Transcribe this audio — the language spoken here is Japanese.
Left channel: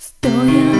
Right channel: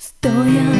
ストヤ